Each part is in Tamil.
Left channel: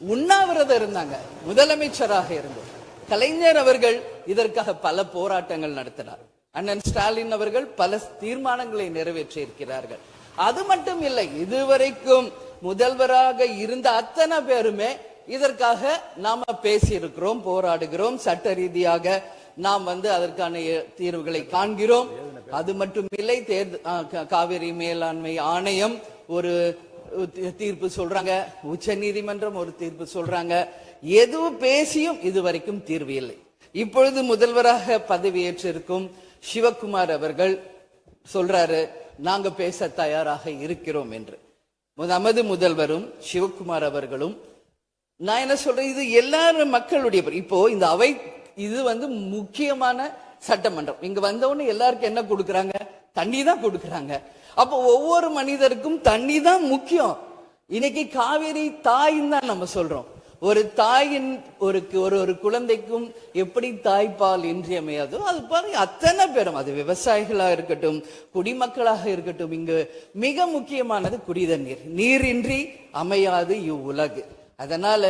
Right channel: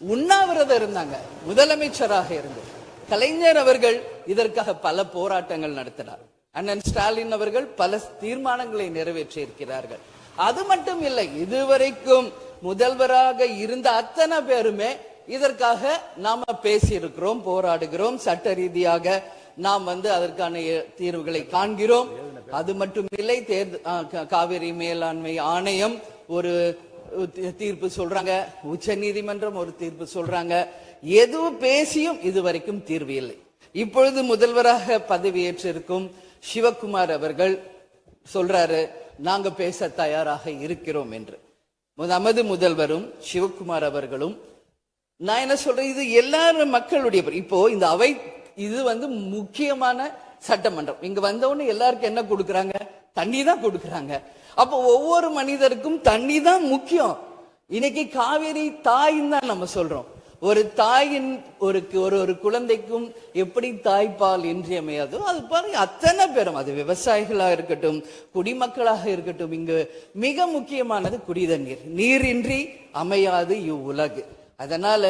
உண்ணாவிரதம் இருந்தாங்க. முதலமைச்சராக இருந்து கலைஞர் அவர்கள் இதற்காக பல போராட்டங்கள் நடத்தினார். அண்ணன் ஸ்டாலின் அவர்கள் பல தீர்மானங்களை நிறைவேற்றி இருக்கிறார்கள். அது மட்டும் இல்லை, இதுவரைக்கும் முதல்வராக இருந்த அத்தனை பேருமே இதற்காக நாம பேசியிருக்கிறோம், போராடுகிறோம், சட்ட ரீதியாக நாம் அதற்கான தீர்வுகளை காண்கிறோம். அது மட்டும் இல்லை, காவிரி மேலாண்மை ஆணையம் ஒரு தீர்ப்பு சொல்றாங்க, உச்ச நீதிமன்றம் ஒரு தீர்ப்பு சொல்றாங்க. எதுவும் பேசியும் இதுவரைக்கும் தீர்வு இல்லை. இப்பொழுது முதல்வராக பதவியேற்றிருக்கும் சிவகுமார் அவர்கள் சொல்றாரு, நாங்க பேச தயாராக இருக்கிறோம் என்று. நமது முதல்வரும் சிவகுமார் அவர்களும், நான் என்ன சொல்றேன், இது எல்லாரும் மக்களுடைய, இப்போ இந்த அவை இது முக்கியமான சட்டமன்றம். இங்க வந்தவொன்னு எல்லாருக்கும் என்ன கொடுக்கறாங்க? தண்ணி தான் கொடுக்கறாங்க. அப்போ ஒவ்வொரு மனிதருக்கும் தண்ணி தான் முக்கியம். இன்னைக்கு காவேரி தாயின்னு தான் நம்ம சொல்றோம். ஒரு தாயின் ஒரு குழந்தைக்கும் எப்படி தாய்ப்பால் இன்றியமையாதோ அது பாருங்க, அத்தனை பேரும், அது விவசாயிகளா இருக்கட்டும், குடிமக்களாக இருக்கட்டும், இங்கு மிக முக்கியமானது குடிதண்ணீர். நீரின்றி அமையாது இவ்வுலகு. அதனால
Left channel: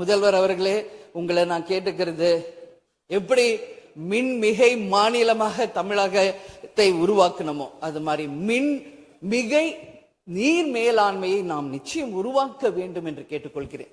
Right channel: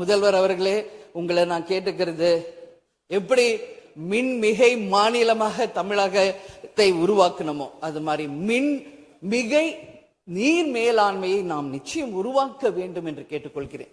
முதல்வர் அவர்களே, உங்களை நான் கேட்டுக்கிறது, எப்படி மின்மிகை மாநிலமாக தமிழகத்தை உருவாக்கணுமோ அது மாதிரி மின்மிகை நீர் மேலாண்மையை நாம் நிச்சயம் உருவாக்க வேண்டும் என்று கேட்டுக்கொள்கிறேன்.